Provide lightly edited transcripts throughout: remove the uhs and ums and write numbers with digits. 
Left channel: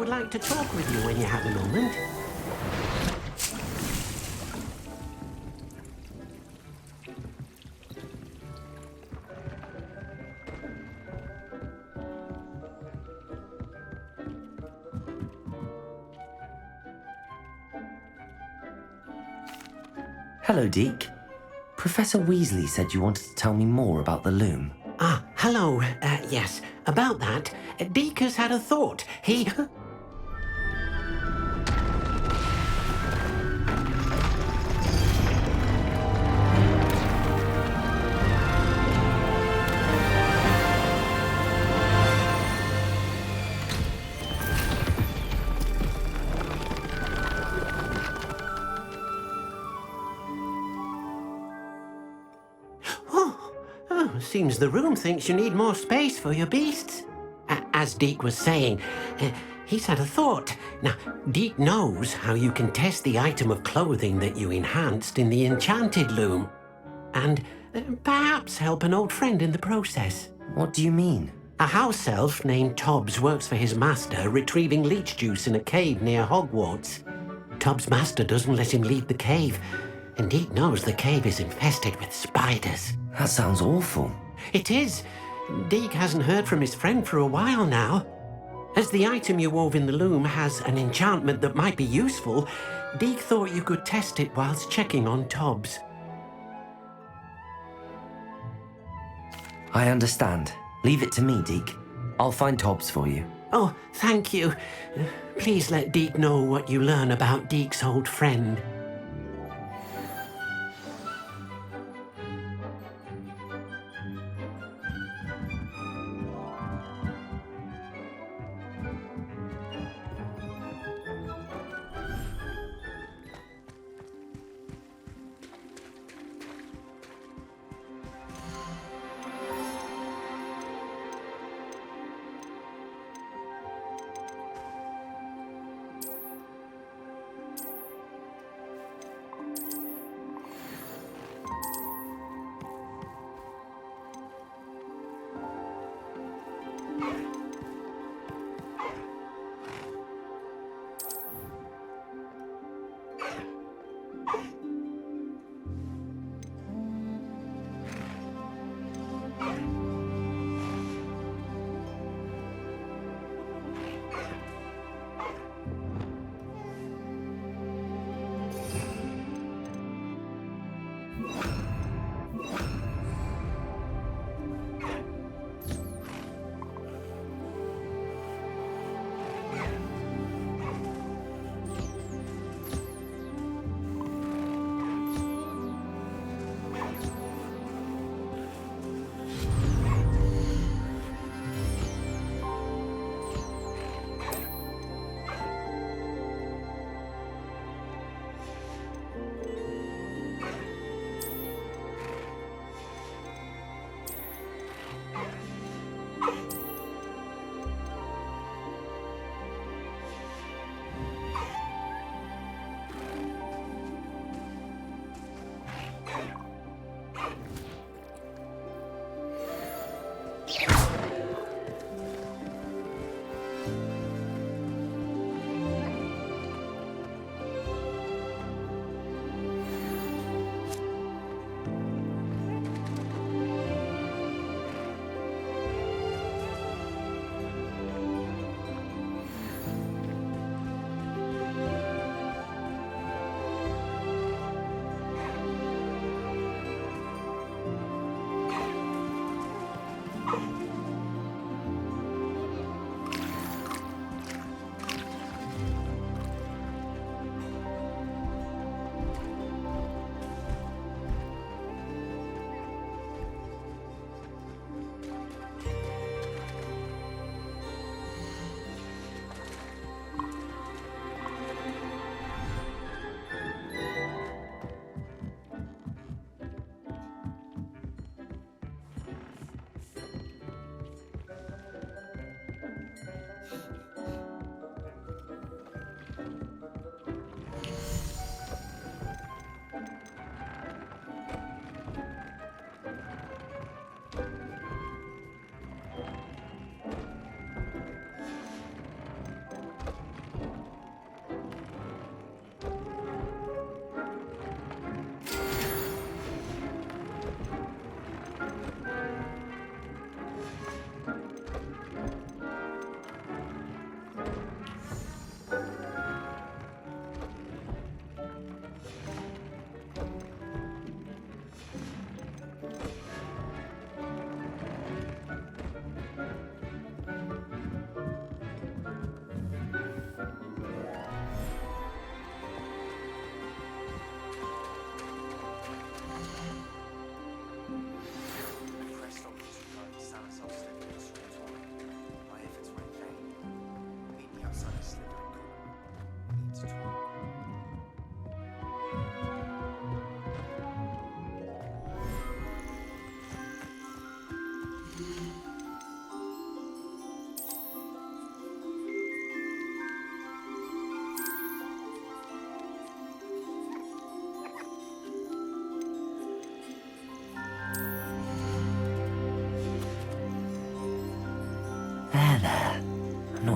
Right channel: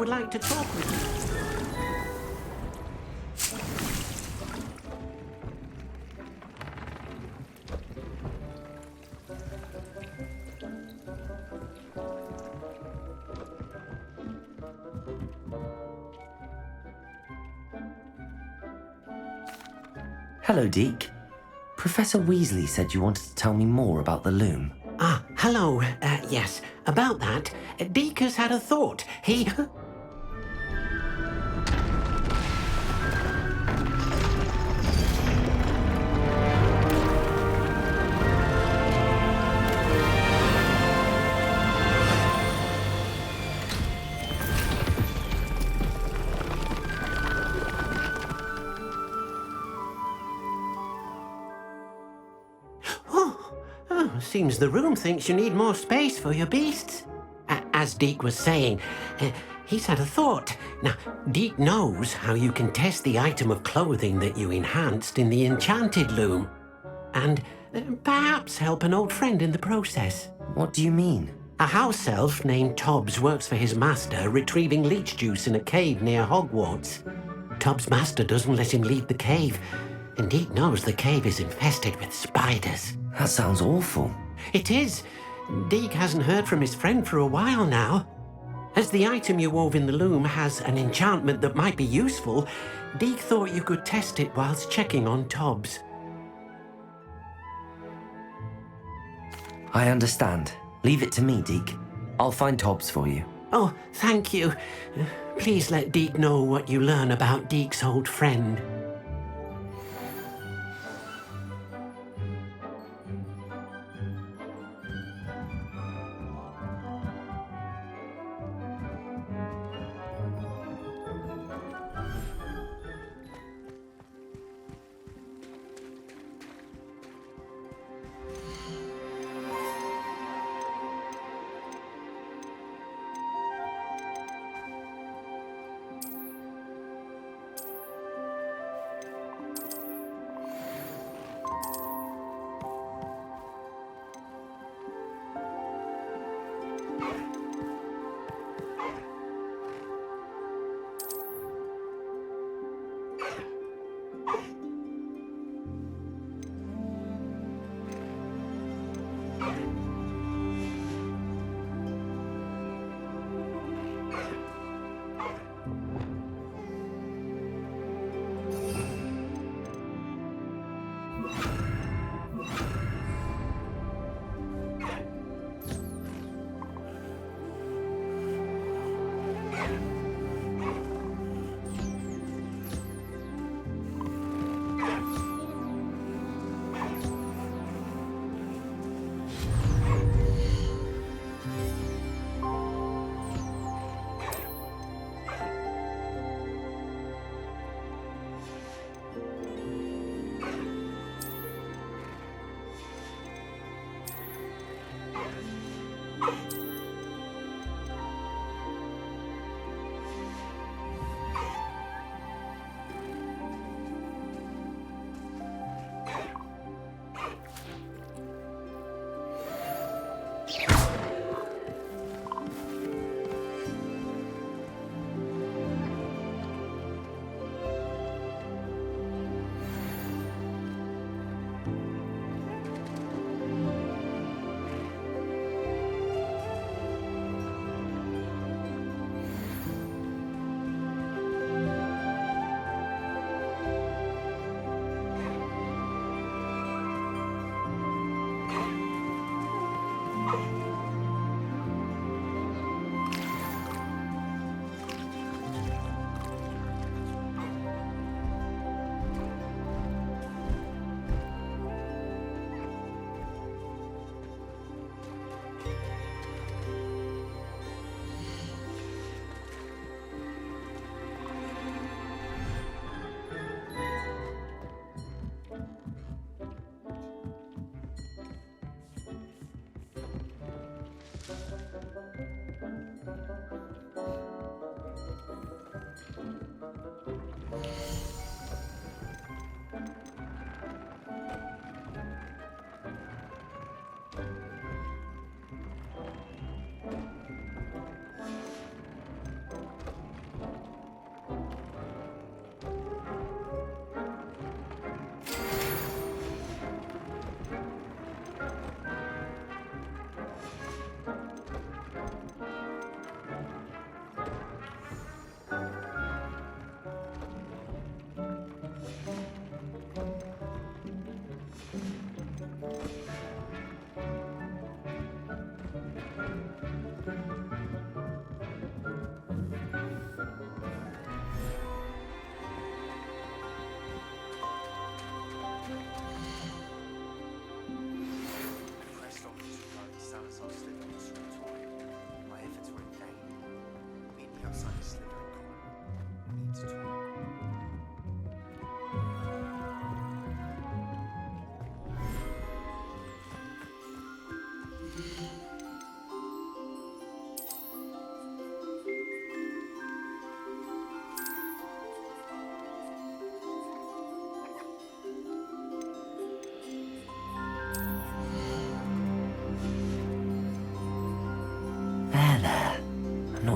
would like to talk with you when you have a moment. Hello, Deke. Professor Weasley said you wanted to tell me more about the loom. Ah, hello. Yes, about that. Deke has had a thought. He... Seems the room thinks you need more space for your beasts. As Deke was saying, he's had a thought. Now, Deke knows how you can test the item of clothing that you enhanced in the enchanted loom. And perhaps help an old friend in the process. What do you mean? A house elf named Tobbs works for his master, retrieving leech juice in a cave near Hogwarts. Tobbs' master doesn't let him leave the cave, and Deke knows the cave is infested with spiders. That sounds awful. It is. Deke hasn't heard from his friend for a while now. As the item you wove in the loom has an enchantment that might be useful, Deke thought you could test it whilst checking on Tobbs. I understand. Leave it to me, Deke. I'll find Tobbs for you. Oh, thank you. Please let Deke know what you learn about Deke's old friend.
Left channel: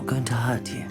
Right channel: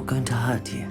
not going to hurt you.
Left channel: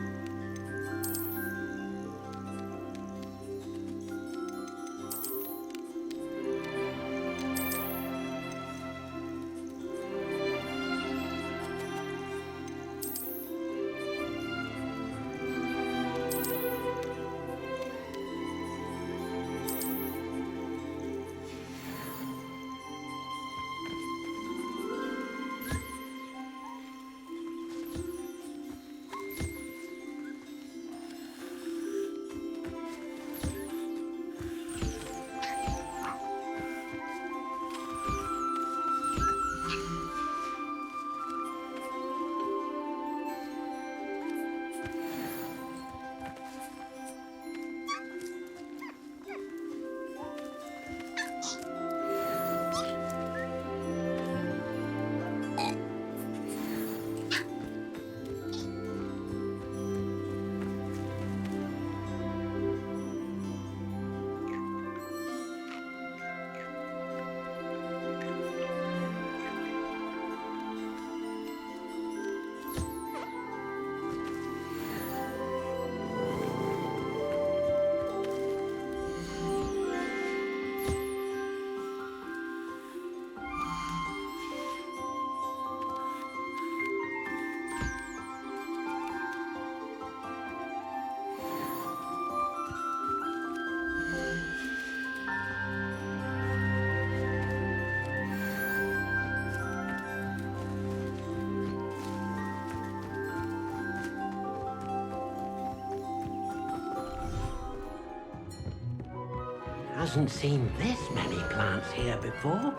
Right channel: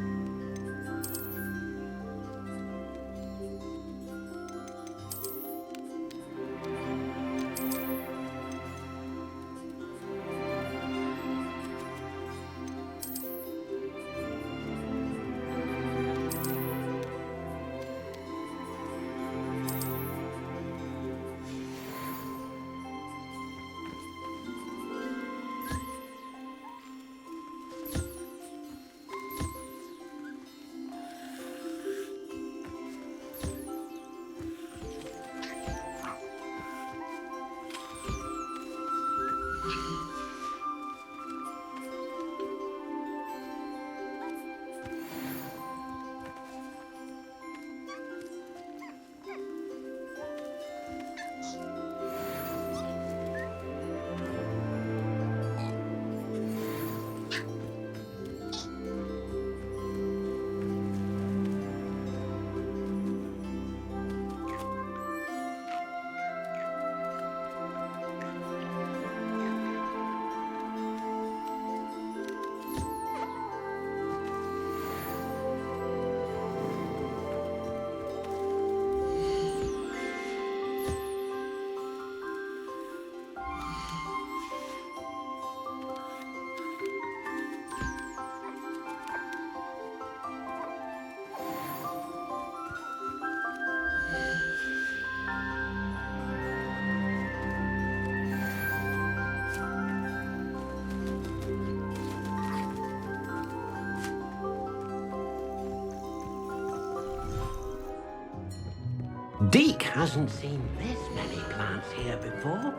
Deke hasn't seen this many plants here before.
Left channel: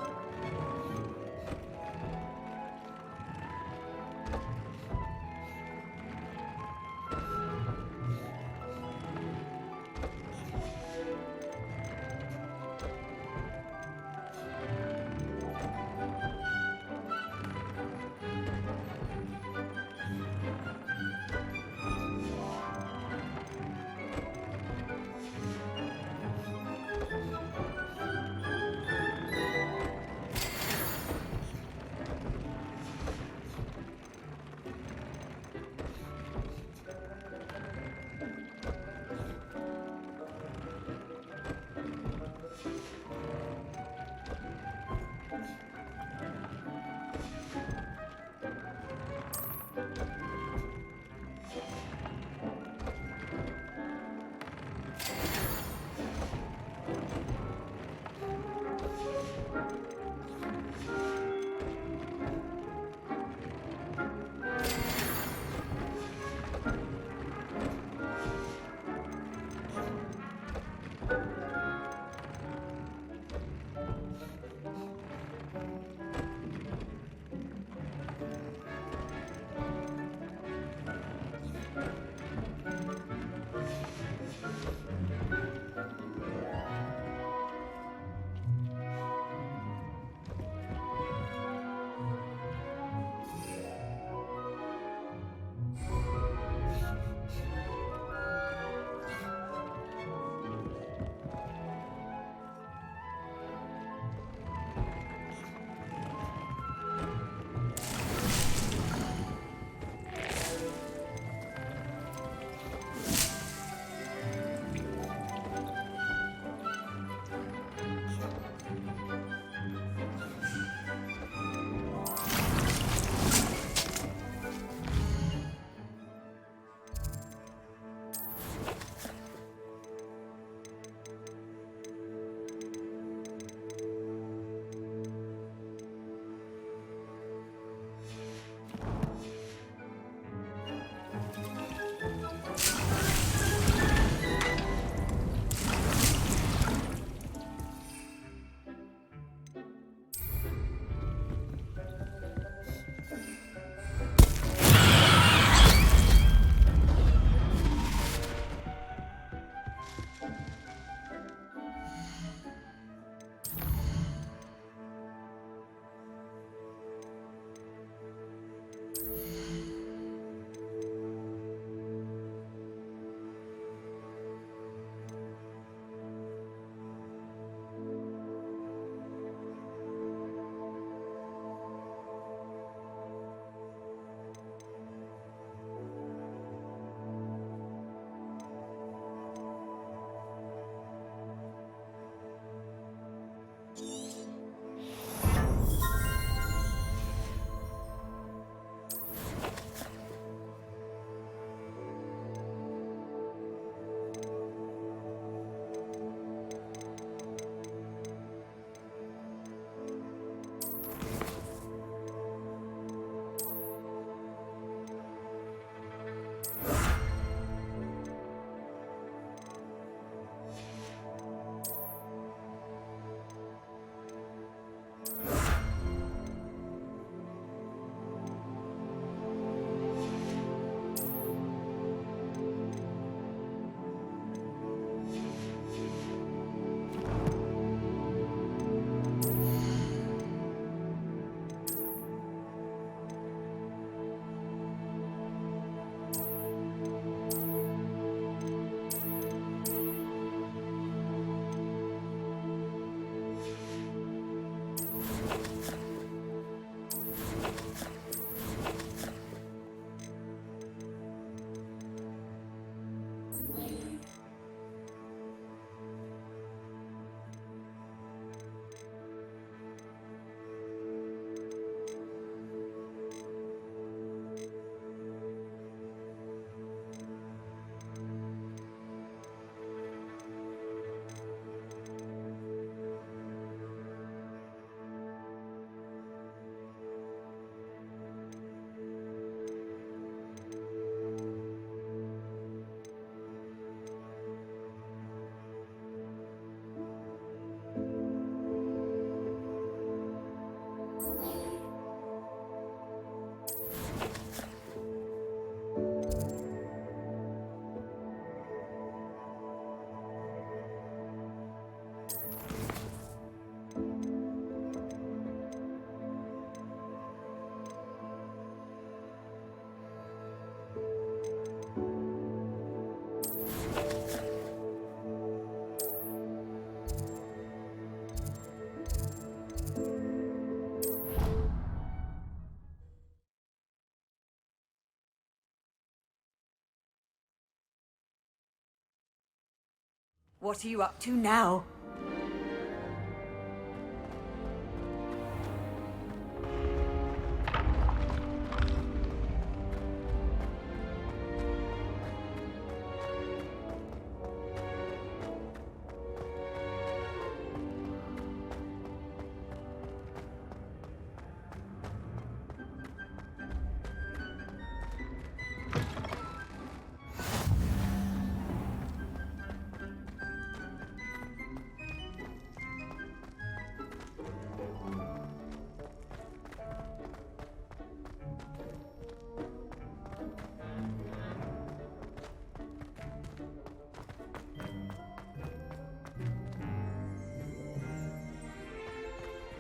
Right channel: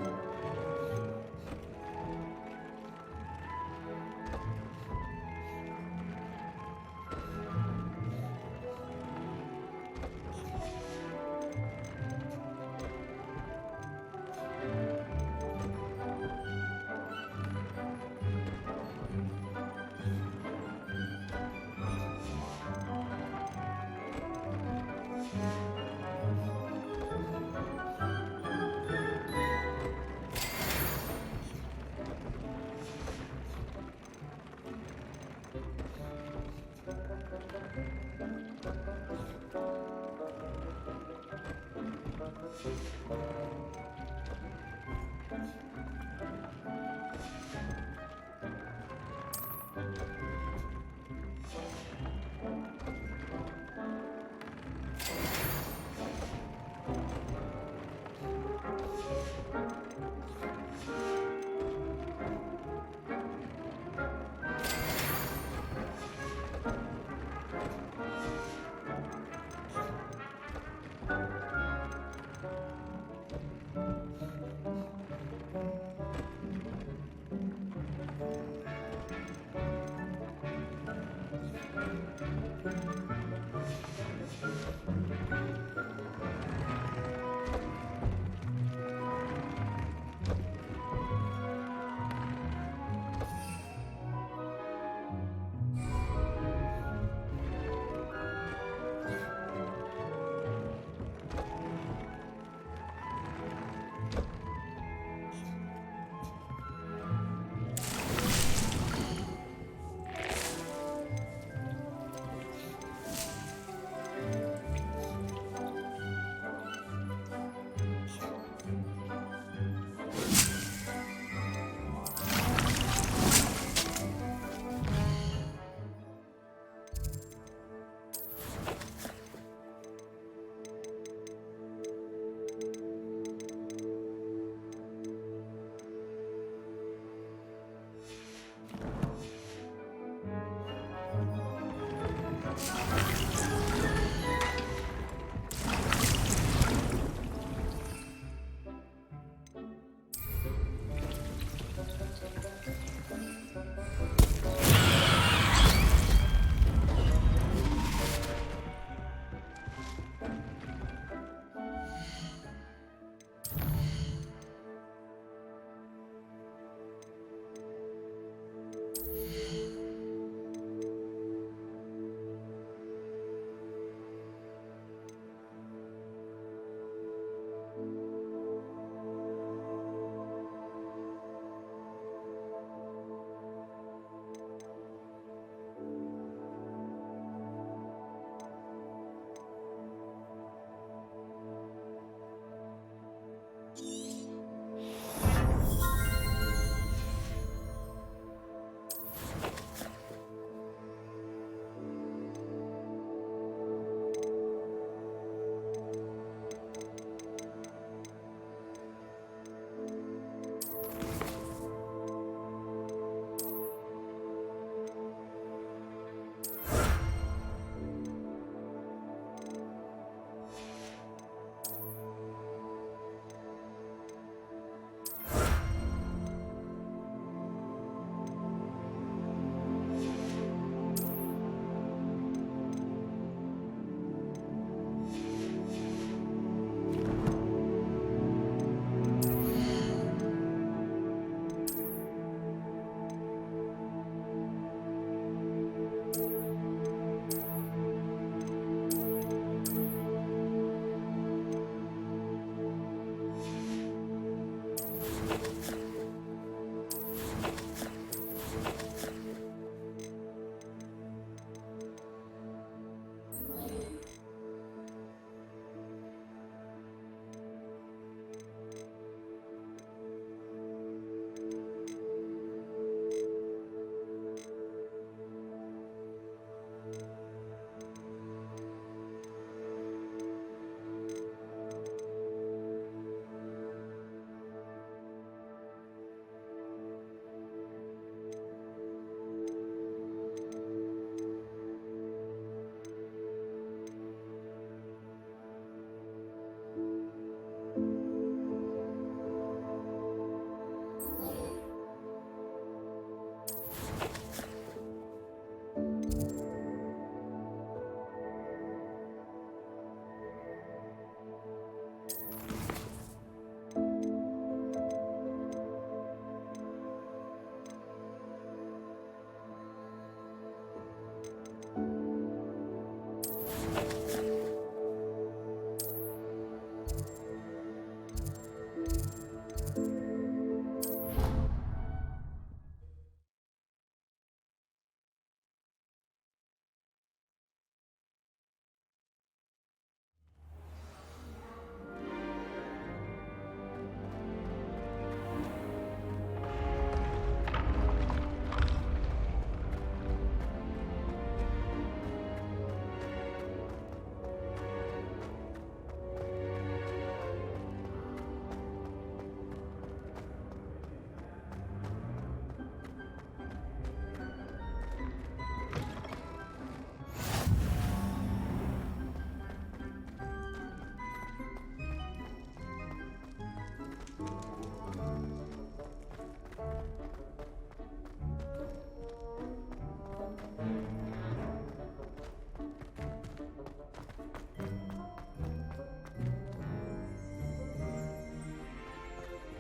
What are you up to now?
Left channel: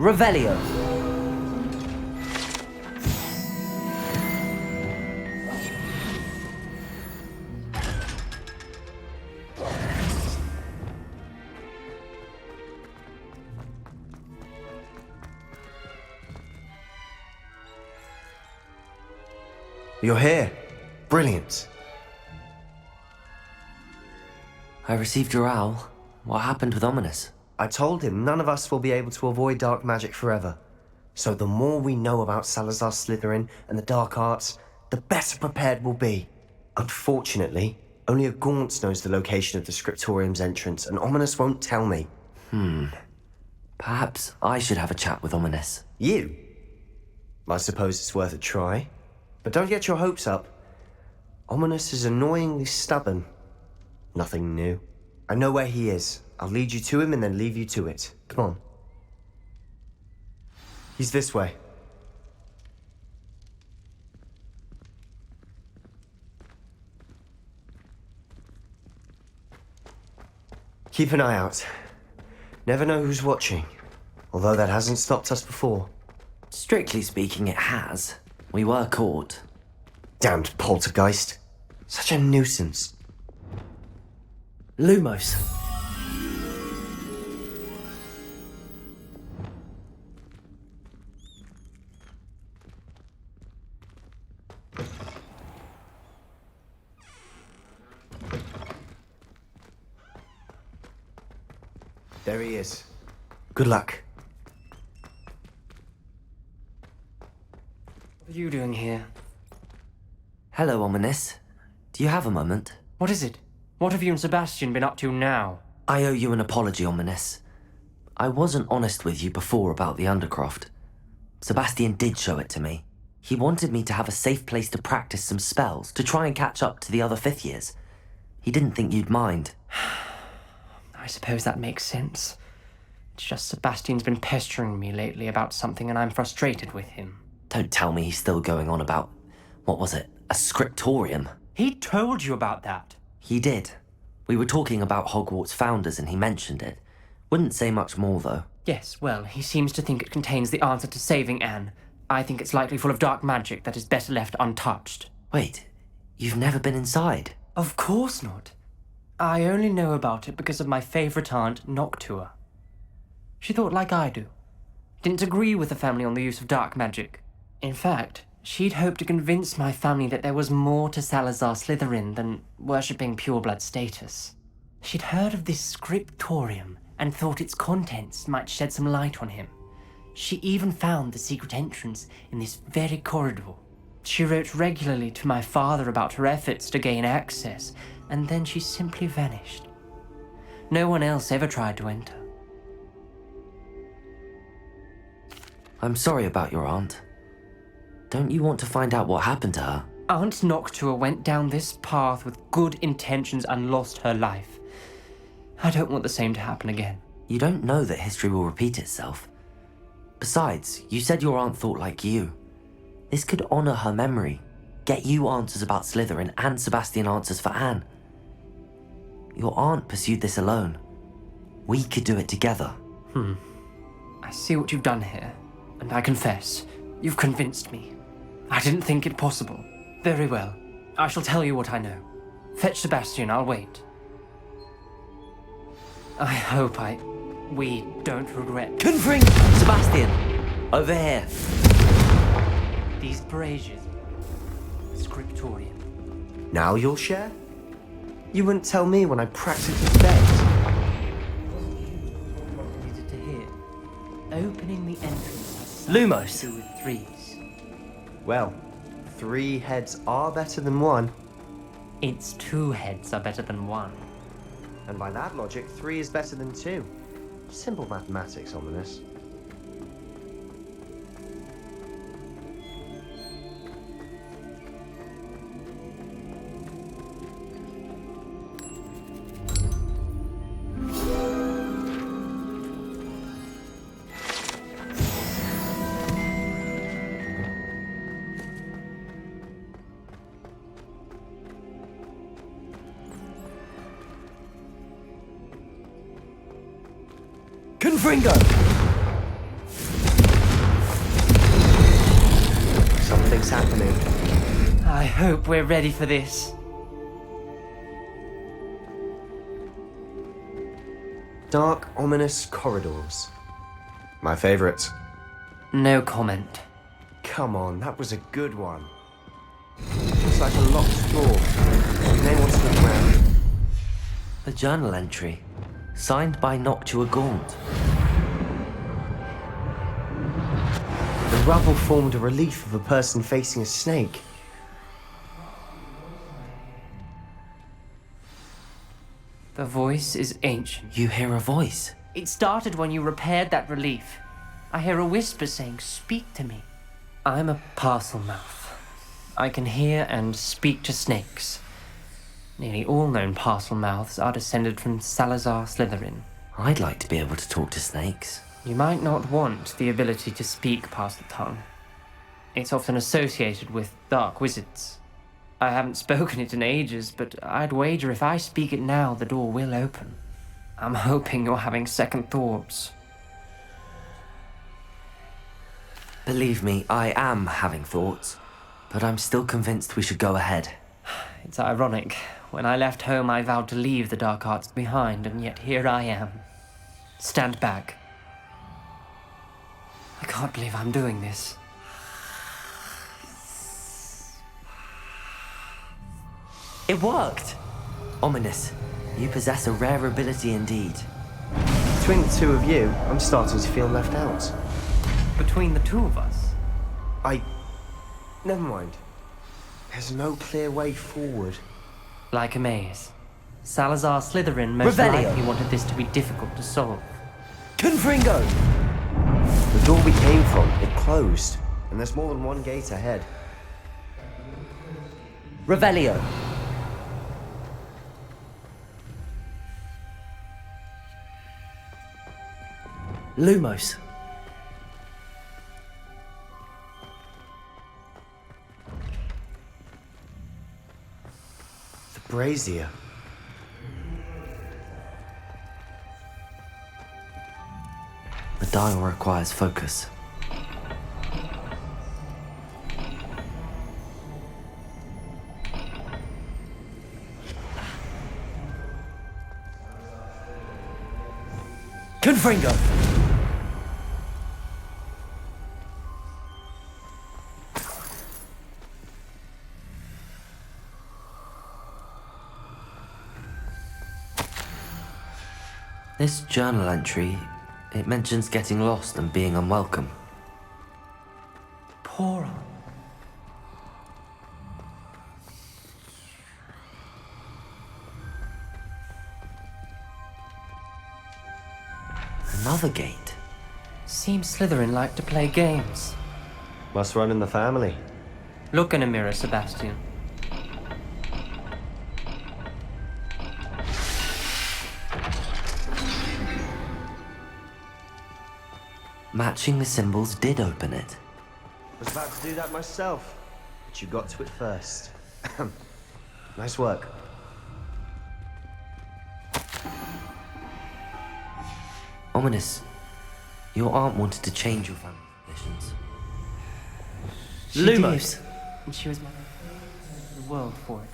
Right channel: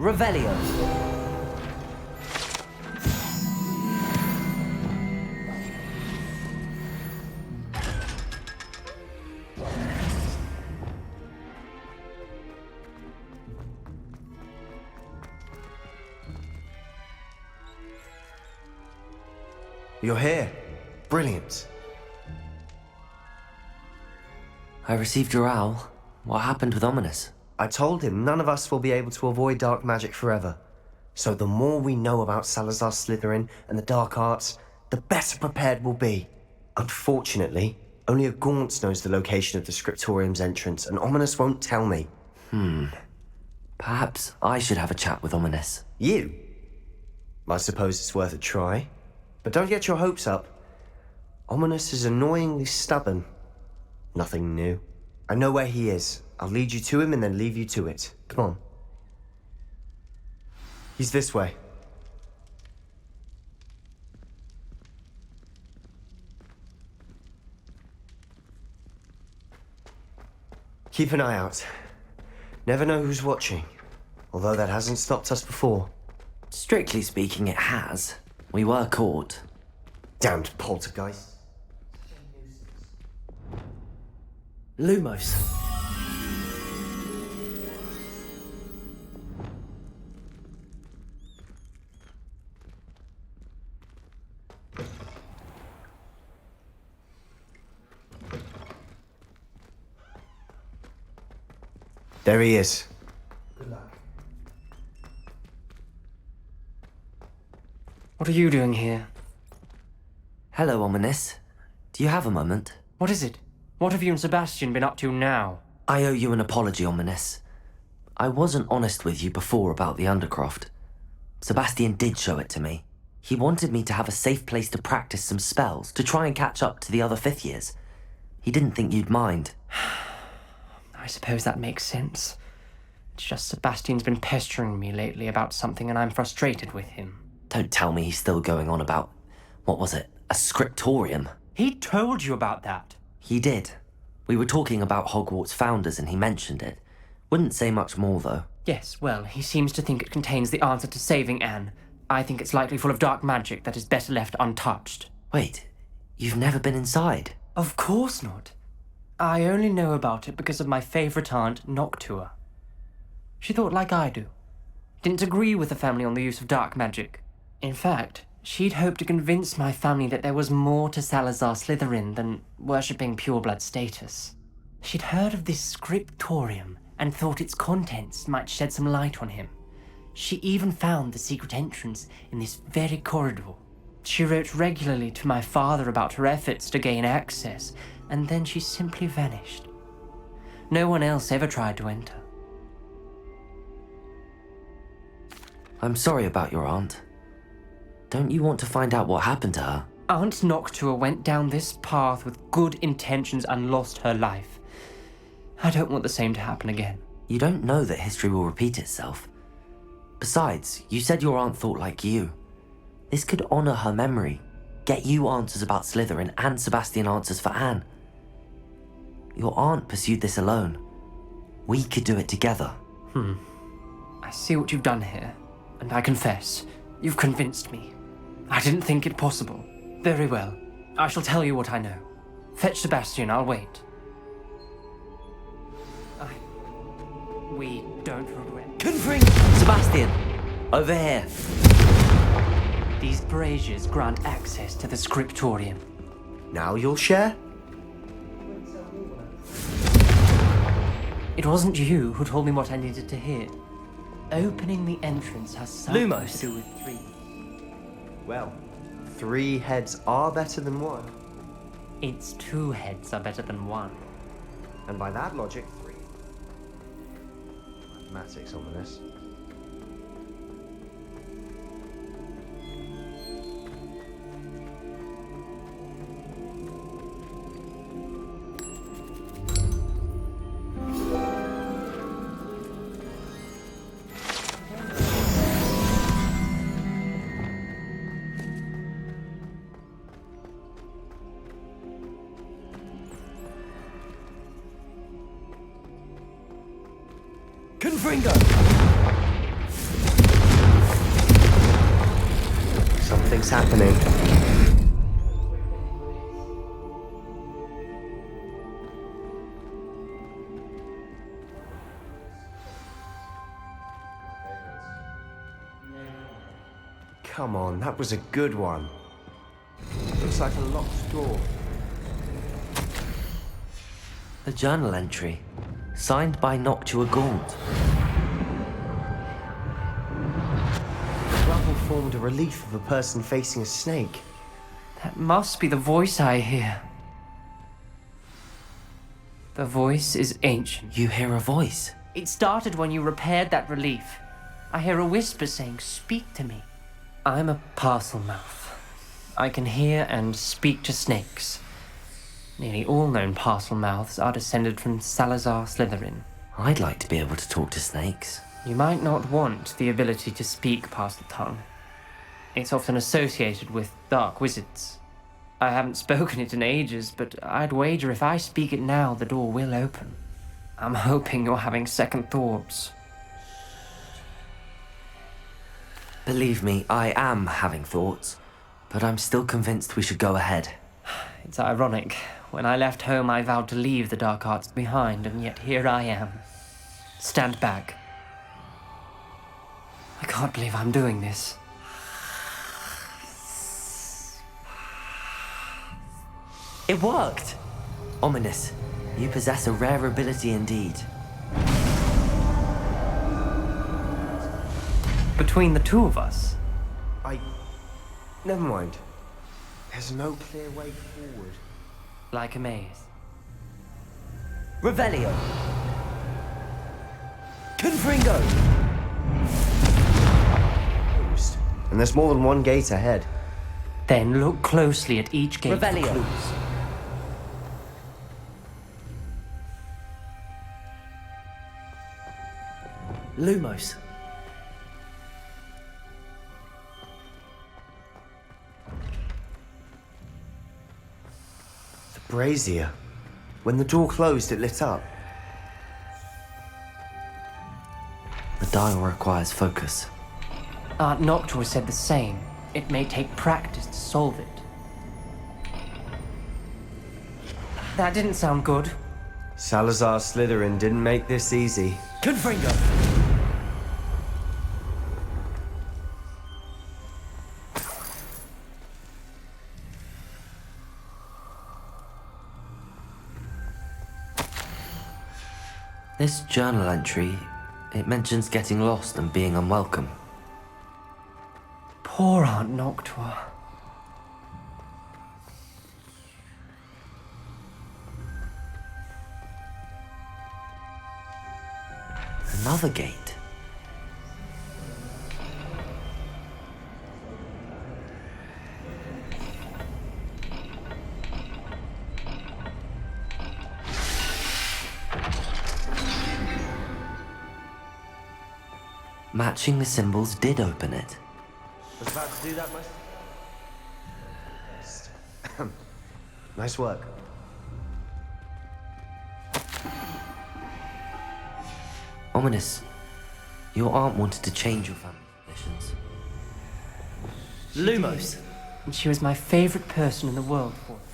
Revelio. You're here. Brilliant. I received your owl. What happened with Ominous? I told him none of us will be able to avoid dark magic forever. So the more we know about Salazar Slytherin and the dark arts, the better prepared we'll be. Unfortunately, only a Gaunt knows the location of the Scriptorium's entrance, and Ominous won't tell me. Perhaps I should have a chat with Ominous. You? I suppose it's worth a try. But don't get your hopes up. Ominous is annoyingly stubborn. Nothing new. I know where he is. I'll lead you to him and then leave you to it. Come on. He's this way. Keep an eye out. Never know who's watching. Although that hasn't stopped us before. Strictly speaking, it has. We were caught. Damned poltergeist. Such a nuisance. Lumos. There he is. Good luck. What are you doing here? Hello, Ominous. Do you have a moment? What is it? What have you and Sebastian been up to now? I owe you an apology, Ominous. I wasn't honest with you before about the Undercroft. Sebastian did show it to me. He wanted me to have a safe place to practice some spells, to try and catch up to the other fifth years. He didn't think you'd mind. I suppose that makes sense. It's just Sebastian's been pestering me lately about something and I'm frustrated with him. Don't tell me he's still going on about, what was it, a scriptorium? He told you about that. He did. We were talking about Hogwarts founders and he mentioned it. Wouldn't say much more, though. Yes, well, he seems to think it contains the answer to saving Anne. I think it's likely full of dark magic that is better left untouched. Wait, you've never been inside? Of course not. I only know about it because of my favourite aunt, Noctua. She thought like I do. Didn't agree with the family on the use of dark magic. In fact, she'd hoped to convince my family that there was more to Salazar Slytherin than worshipping pureblood status. She'd heard of this scriptorium and thought its contents might shed some light on him. She even found the secret entrance in this very corridor. She wrote regularly to my father about her efforts to gain access, and then she simply vanished. No one else ever tried to enter. I'm sorry about your aunt. Don't you want to find out what happened to her? Aunt Noctua went down this path with good intentions and lost her life. I don't want the same to happen again. You don't know that history will repeat itself. Besides, you said your aunt thought like you. This could honor her memory, get you answers about Slytherin and Sebastian answers for Anne. Your aunt pursued this alone. We could do it together. I see what you've done here, and I confess, you've convinced me. I didn't think it possible. Very well. I shall tell you what I know. Fetch Sebastian, I'll wait. I hope we don't regret. Confring! Sebastian! Over here. These braziers grant access to the scriptorium. Now you'll share? You wouldn't tell me when I practiced the steps. It wasn't you who told me what I needed to hear. Opening the entrance has something Lumos. to do with threes. Well, 3 heads are better than 1. Its 2 heads are better than 1. And by that logic, 3 is better than 2. Simple mathematics, Ominous. Confringo! Something's happening. I hope we're ready for this. Dark, ominous corridors. My favorite. No comment. Come on, that was a good one. Looks like a locked door. You may want to look around. A journal entry. Signed by Noctua Gaunt. The rubble formed a relief of a person facing a snake. That must be the voice I hear. The voice is ancient. You hear a voice. It started when you repaired that relief. I hear a whisper saying, "Speak to me." I'm a parcel mouth. I can hear and speak to snakes. Nearly all known parcel mouths are descended from Salazar Slytherin. I'd like to be able to talk to snakes. You might not want the ability to speak past the tongue. It's often associated with dark wizards. I haven't spoken it in ages, but I'd wager if I speak it now, the door will open. I'm hoping you're having second thoughts. Believe me, I am having thoughts, but I'm still convinced we should go ahead. It's ironic. When I left home, I vowed to leave the dark arts behind, and yet here I am. Stand back. I can't believe I'm doing this. It worked! Ominous, you possess a rare ability indeed. Between the 2 of you, I'm starting to feel left out. Between the 2 of us, Never mind. There's no clear way forward. like a maze. Salazar Slytherin most Revelio. likely wanted this to be difficult to solve. Confringo! The door we came from, it closed. And there's more than 1 gate ahead. Then look closely at each gate. Revelio. Lumos. The brazier. When the door closed, it lit up. The dial requires focus. Aunt Noctua said the same. It may take practice to solve it. That didn't sound good. Salazar Slytherin didn't make this easy. Confringo! This journal entry, it mentions getting lost and being unwelcome. Poor Aunt Noctua. Another gate. Seems Slytherin like to play games. Must run in the family. Look in a mirror, Sebastian. Matching the symbols did open it. Was about to do that myself, but you got to it first. Nice work. Ominous, your aunt wanted to change your family traditions. She Lumos! did, and she was my favorite person in the world for it.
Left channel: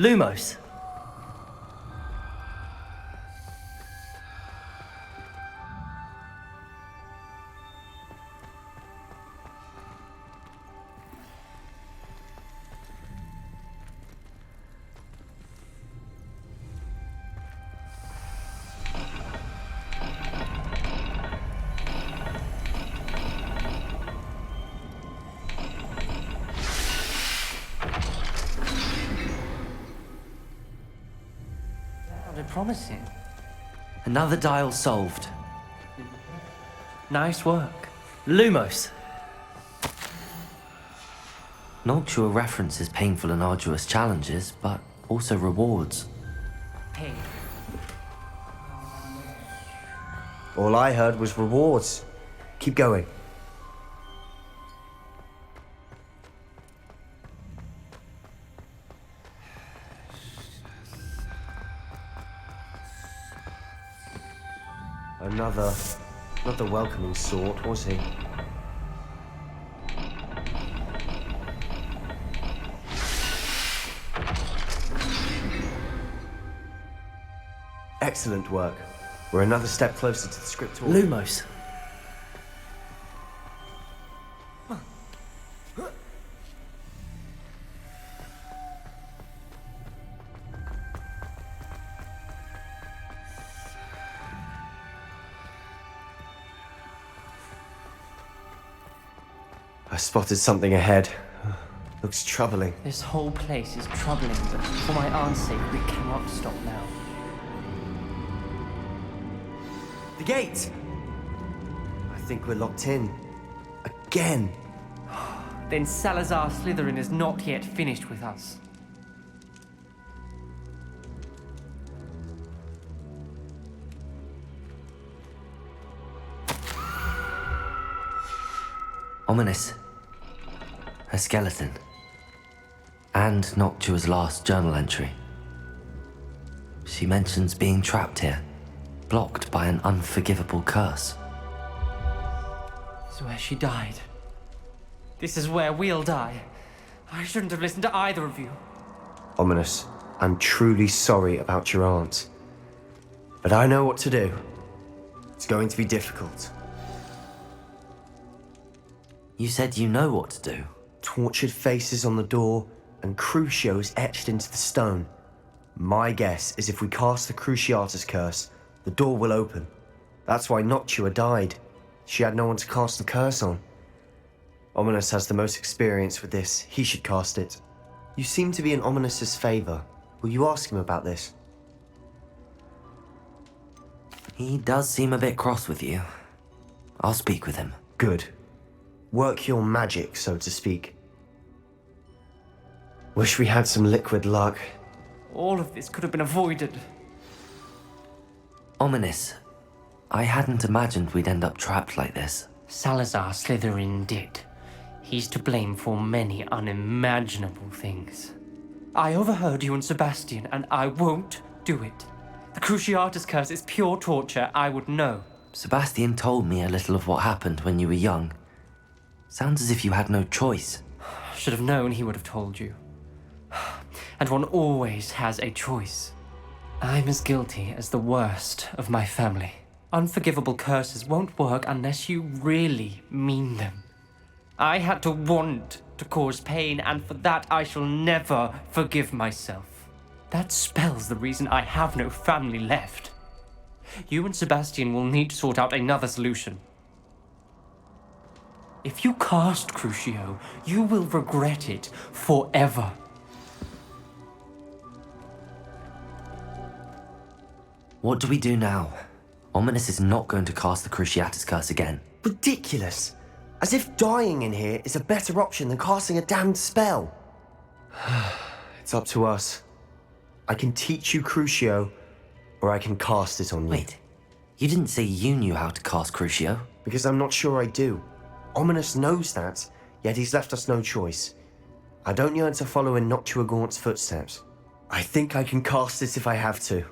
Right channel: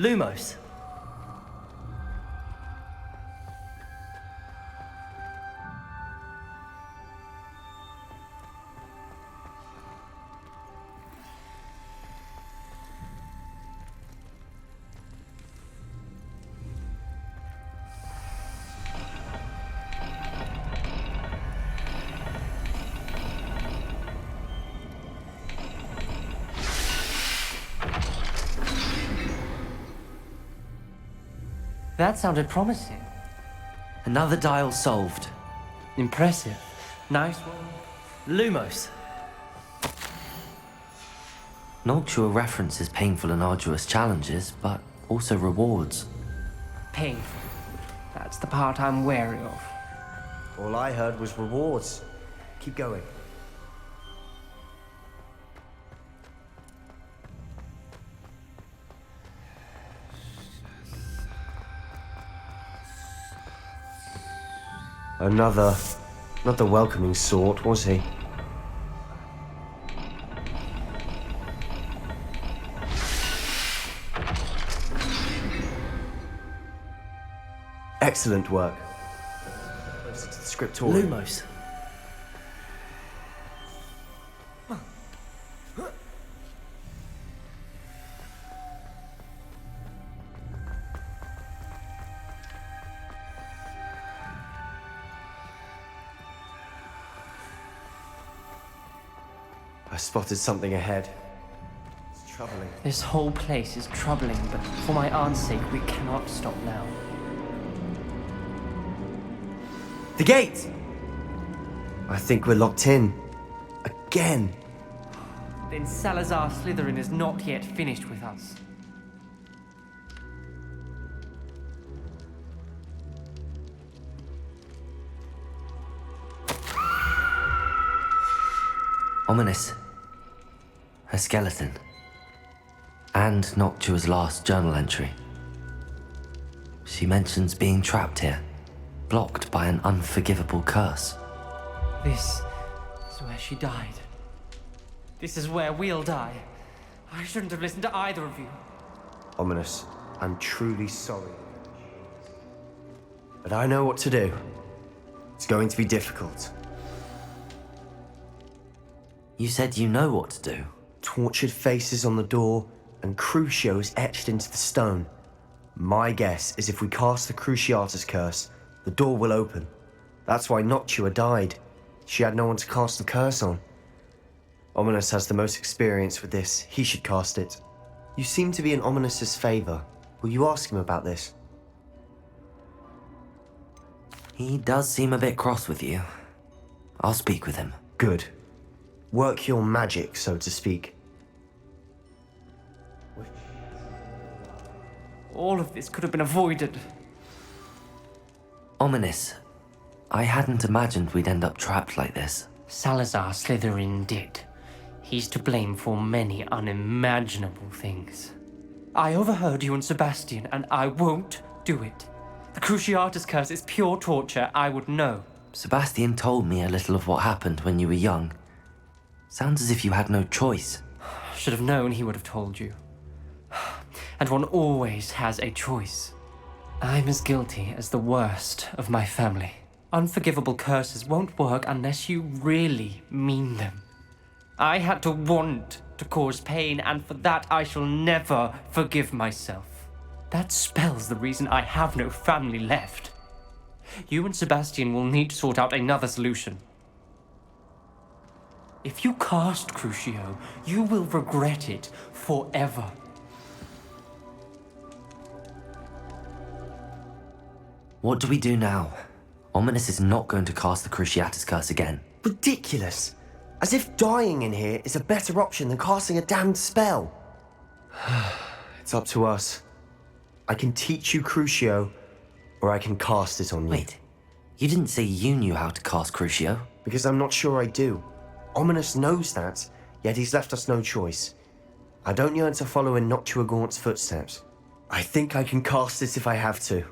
Lumos. That sounded promising. Another dial solved. Impressive. Nice work. Lumos. Noctua references painful and arduous challenges, but also rewards. Painful. That's the part I'm wary of. All I heard was rewards. Keep going. Another, not the welcoming sort, was he? Excellent work. We're another step closer to the scriptorium. Lumos. I spotted something ahead. Looks troubling. This whole place is troubling, but for my aunt's sake, we cannot stop now. The gate! I think we're locked in. Again. Then Salazar Slytherin is not yet finished with us. Ominous. A skeleton. And Noctua's last journal entry. She mentions being trapped here, blocked by an unforgivable curse. This is where she died. This is where we'll die. I shouldn't have listened to either of you. Ominous, I'm truly sorry about your aunt. But I know what to do. It's going to be difficult. You said you know what to do. Tortured faces on the door and Crucios etched into the stone. My guess is if we cast the Cruciatus curse, the door will open. That's why Noctua died. She had no one to cast the curse on. Ominous has the most experience with this. He should cast it. You seem to be in Ominous's favor. Will you ask him about this? He does seem a bit cross with you. I'll speak with him. Good. Work your magic, so to speak. Wish we had some liquid luck. All of this could have been avoided. Ominous. I hadn't imagined we'd end up trapped like this. Salazar Slytherin did. He's to blame for many unimaginable things. I overheard you and Sebastian, and I won't do it. The Cruciatus curse is pure torture, I would know. Sebastian told me a little of what happened when you were young. Sounds as if you had no choice. Should have known he would have told you. And one always has a choice. I'm as guilty as the worst of my family. Unforgivable curses won't work unless you really mean them. I had to want to cause pain, and for that I shall never forgive myself. That spells the reason I have no family left. You and Sebastian will need to sort out another solution. If you cast Crucio, you will regret it forever. What do we do now? Ominous is not going to cast the Cruciatus curse again. Ridiculous! As if dying in here is a better option than casting a damned spell. It's up to us. I can teach you Crucio, or I can cast it on you. Wait, you didn't say you knew how to cast Crucio? Because I'm not sure I do. Ominous knows that, yet he's left us no choice. I don't yearn to follow in Noctua Gaunt's footsteps. I think I can cast it if I have to.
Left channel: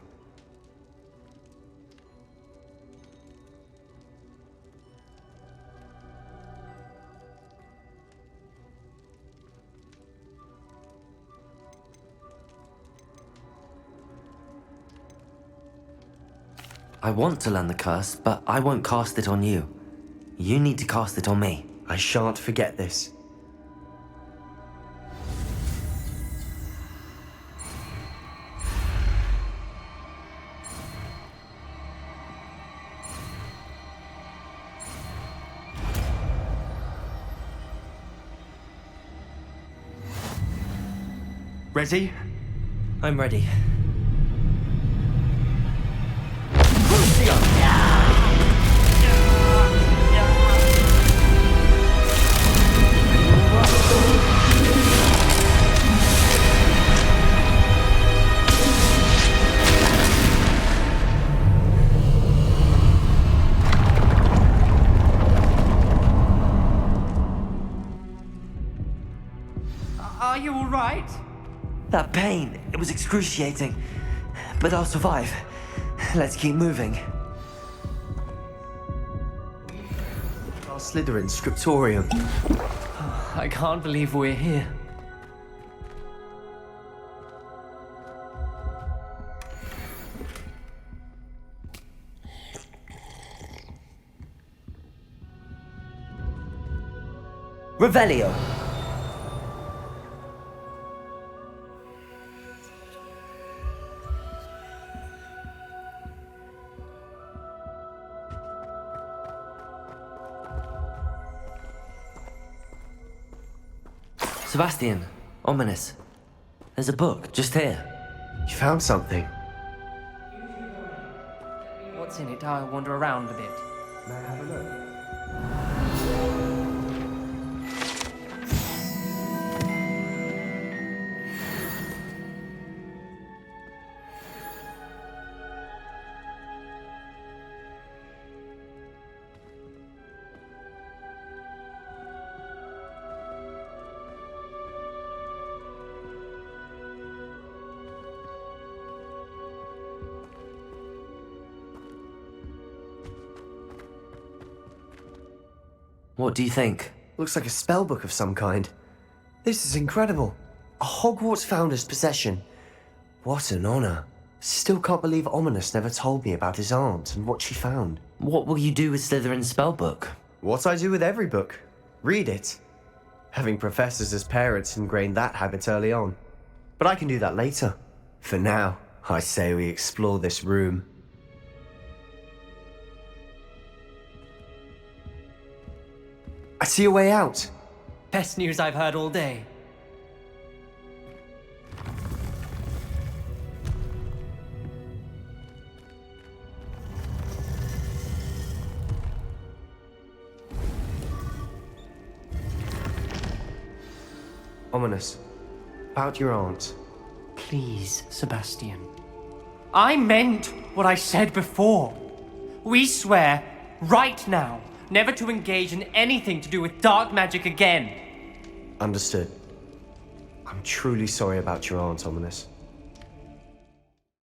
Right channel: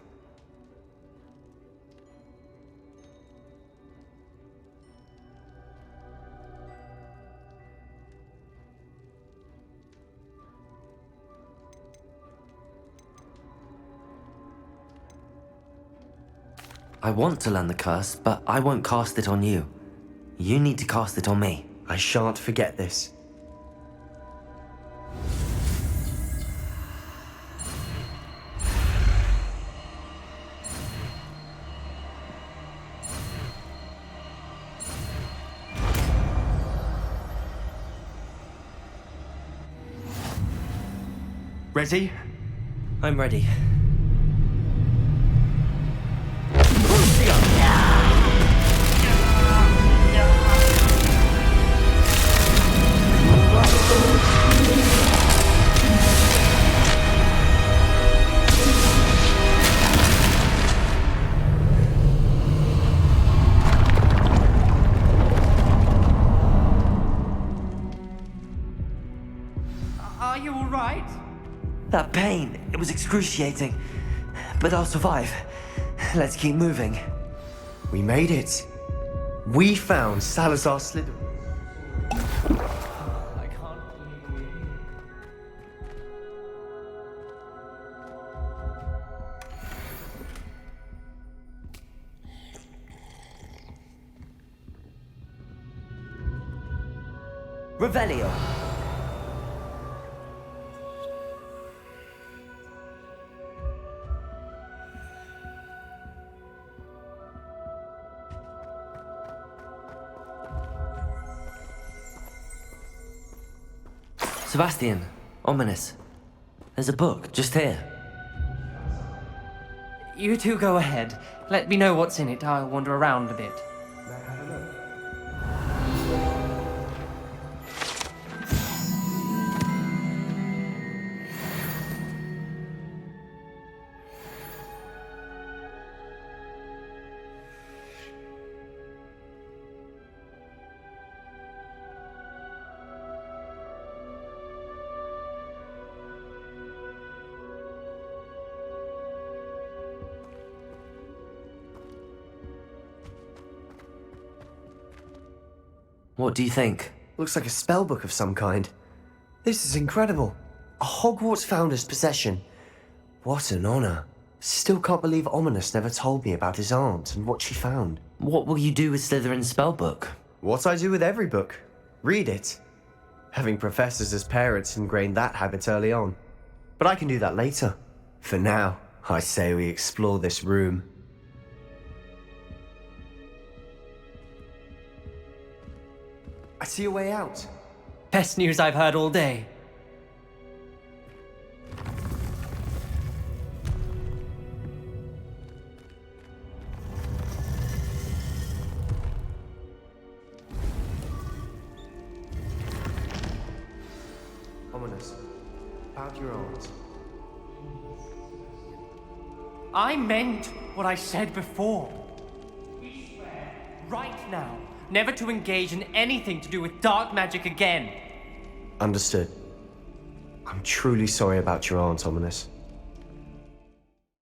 I want to learn the curse, but I won't cast it on you. You need to cast it on me. I shan't forget this. Ready? I'm ready. Are you all right? That pain, it was excruciating. But I'll survive. Let's keep moving. We made it. We found Salazar Slytherin's scriptorium. I can't believe we're here. Revelio. Sebastian, ominous. There's a book just here. You found something. You two go ahead. Let me know what's in it. I'll wander around a bit. May I have a look? What do you think? Looks like a spellbook of some kind. This is incredible. A Hogwarts founder's possession. What an honor. Still can't believe Ominous never told me about his aunt and what she found. What will you do with Slytherin's spellbook? What I do with every book. Read it. Having professors as parents ingrained that habit early on. But I can do that later. For now, I say we explore this room. I see a way out. Best news I've heard all day. Ominous. About your aunt. Please, Sebastian. I meant what I said before. We swear, right now, never to engage in anything to do with dark magic again. Understood. I'm truly sorry about your aunt, Ominous.